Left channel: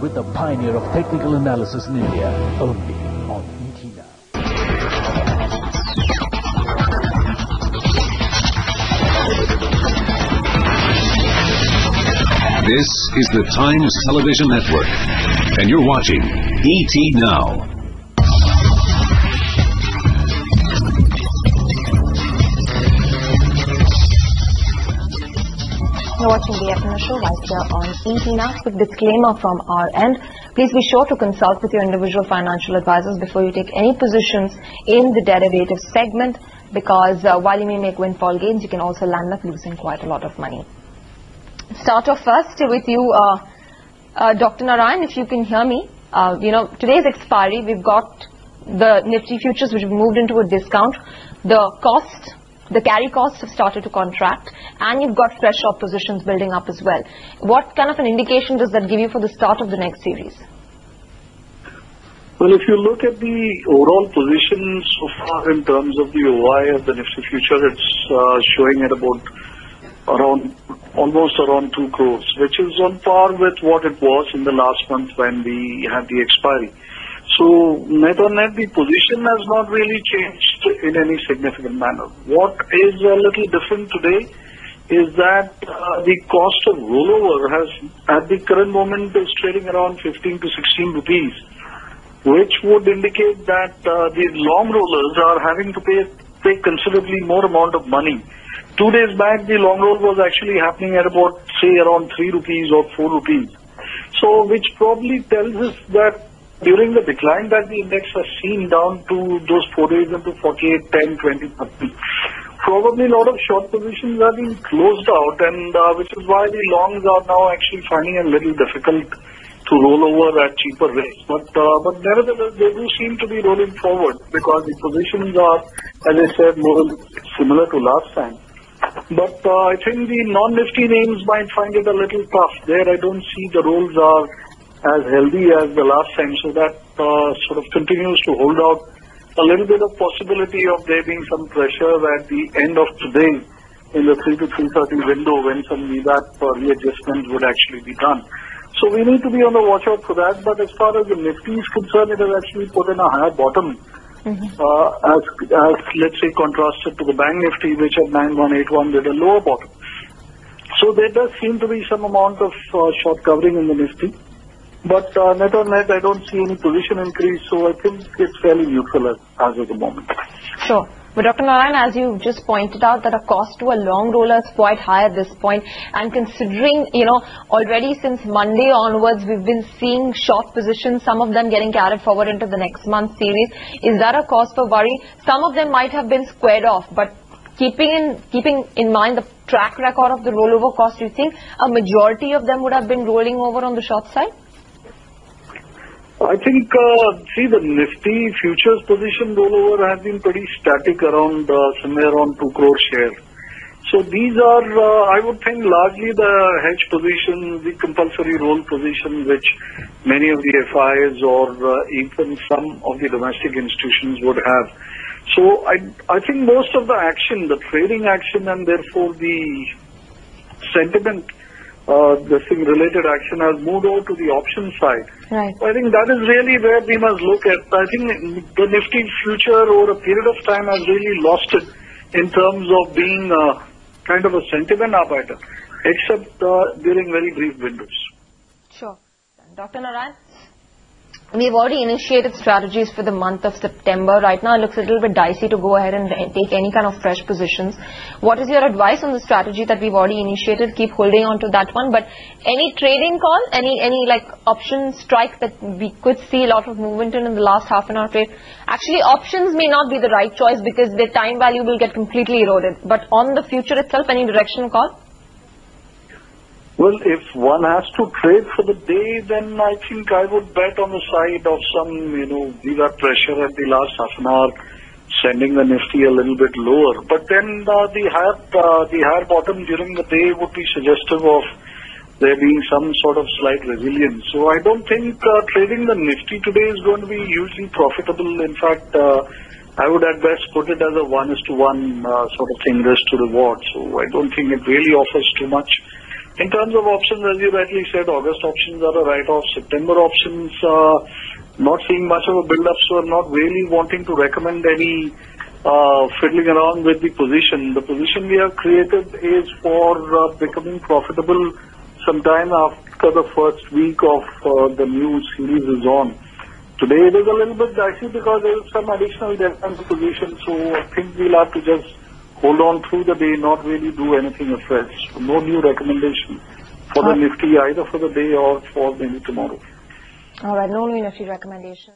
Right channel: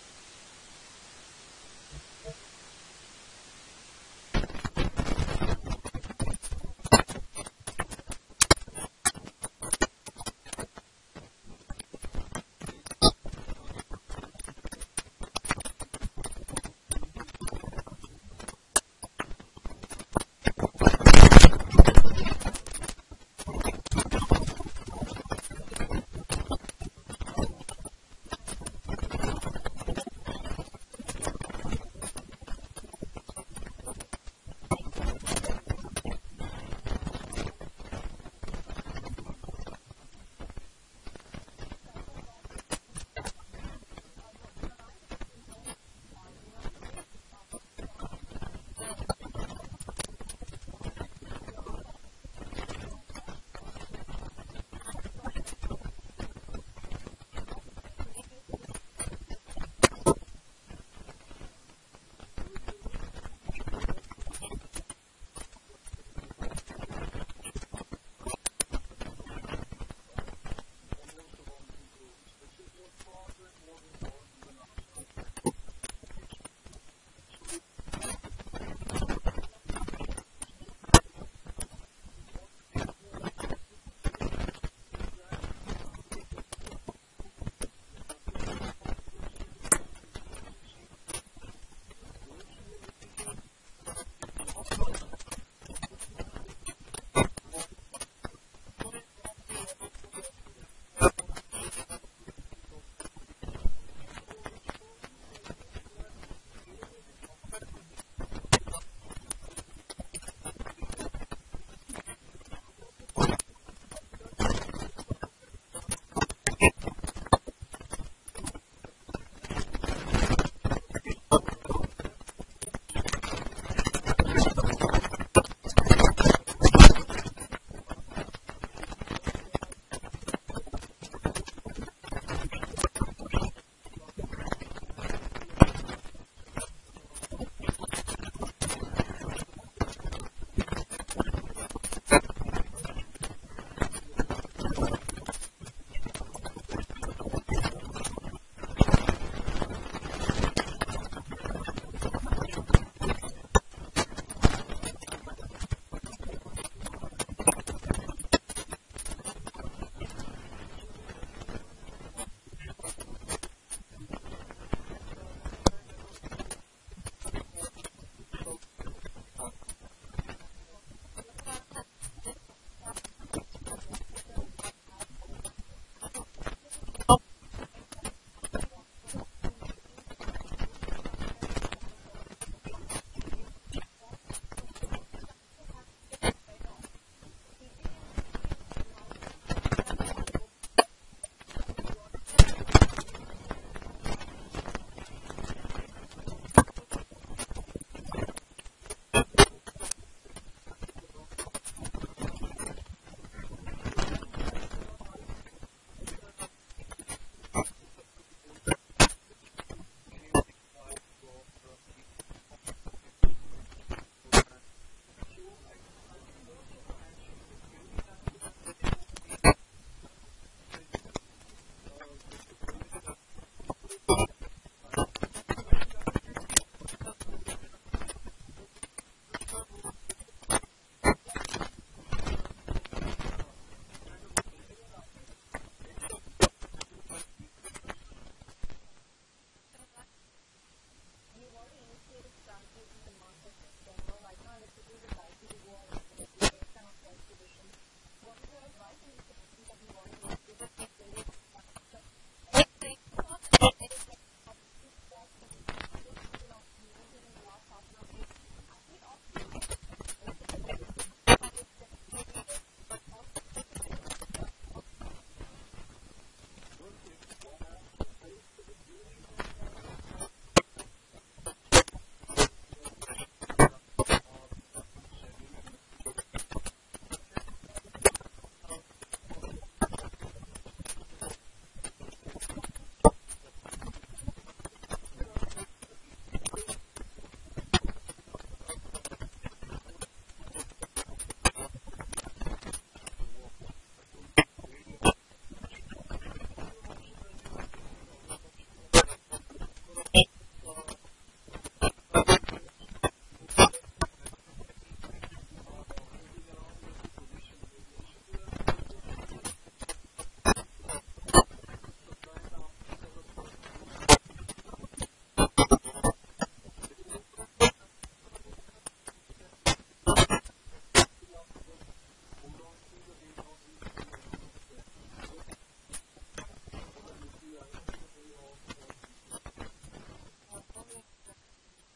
with the pioneer of technical analysis in India, only on ET Now. This is the Times Television Network, and you're watching ET Now. You're watching the afternoon show right here on ET Now. Quick disclaimer from our end. Please be sure to consult with your individual financial advisors before you take any positions in the derivative segment, because while you may make windfall gains, you can also land up losing quite a lot of money. Start off first with you, Dr. Narayan, if you can hear me. Today's expiry, we've got the Nifty futures which have moved into a discount. The carry costs have started to contract, and you've got fresh short positions building up as well. What kind of an indication does that give you for the start of the next series? Well, if you look at the overall position so far in terms of the OI of the Nifty future, it's showing at about almost around 2 crores, which is on par with what it was in the last month when we had the expiry. So net on net, the position has not really changed in any significant manner. What is a little different today is that the cost of rollover has, at the current moment, is trading around 15 to 16 rupees, which would indicate that the long rollers are having to pay considerably more amount of money. 2 days back, the long roll was actually happening at about, say, around 3 rupees or 4 rupees. So, which probably tells us that during the decline that the index has seen down to those 4 days into 48, 10, 20, 30, probably a lot of short positions are being closed out, and which is why the longs are now actually finding a little difficult to roll over at cheaper rates. But nevertheless, they do seem to be rolling forward because the positions are, as I said, more similar to last time. But I think the non-Nifty names might find it a little tough. There I don't see the rolls are as healthy as the last time, so that sort of continues to hold out a little bit of possibility of there being some pressure at the end of today in the 3 to 3:30 window when some VWAP readjustment would actually be done. So we need to be on the watch out for that. But as far as the Nifty is concerned, it has actually put in a higher bottom. As let's say contrasted to the Bank Nifty, which at 9181 did a lower bottom. So there does seem to be some amount of short covering in the Nifty. But net on net, I don't see any position increase, so I think it's fairly neutral as of the moment. Sure. But Dr. Narayan, as you just pointed out, that a cost to a long roller is quite high at this point. And considering, already since Monday onwards, we've been seeing short positions, some of them getting carried forward into the next month series. Is that a cause for worry? Some of them might have been squared off, but keeping in mind the track record of the rollover cost, do you think a majority of them would have been rolling over on the short side? I think, the Nifty futures position rollover has been pretty static around somewhere around 2 crore share. So these are, I would think, largely the hedge position, the compulsory roll position, which many of the FIs or even some of the domestic institutions would have. So I think most of the action, the trading action, and therefore the sentiment, related action has moved over to the option side. Right. I think that is really where we must look at. I think the Nifty future over a period of time has really lost it in terms of being kind of a sentiment arbiter, except during very brief windows. Sure. Dr. Narayan? We've already initiated strategies for the month of September. Right now, it looks a little bit dicey to go ahead and take any kind of fresh positions. What is your advice on the strategy that we've already initiated? Keep holding on to that one. But any trading call, any like option strike that we could see a lot of movement in the last half an hour trade? Actually, options may not be the right choice because their time value will get completely eroded. But on the future itself, any directional call? Well, if one has to trade for the day, then I think I would bet on the side of some, VWAP pressure at the last half an hour, sending the Nifty a little bit lower. But then the higher bottom during the day would be suggestive of there being some sort of slight resilience. So I don't think trading the Nifty today is going to be hugely profitable. In fact, I would at best put it as a 1:1 sort of thing, risk to reward. So I don't think it really offers too much. In terms of options, as you rightly said, August options are a write-off. September options, not seeing much of a build-up, so I'm not really wanting to recommend any fiddling around with the position. The position we have created is for becoming profitable sometime after the first week of the new series is on. Today it is a little bit dicey because there is some additional debt on the position, so I think we'll have to just hold on through the day, not really do anything afresh. So no new recommendation for the Nifty either for the day or for maybe tomorrow. All right, no new Nifty recommendation.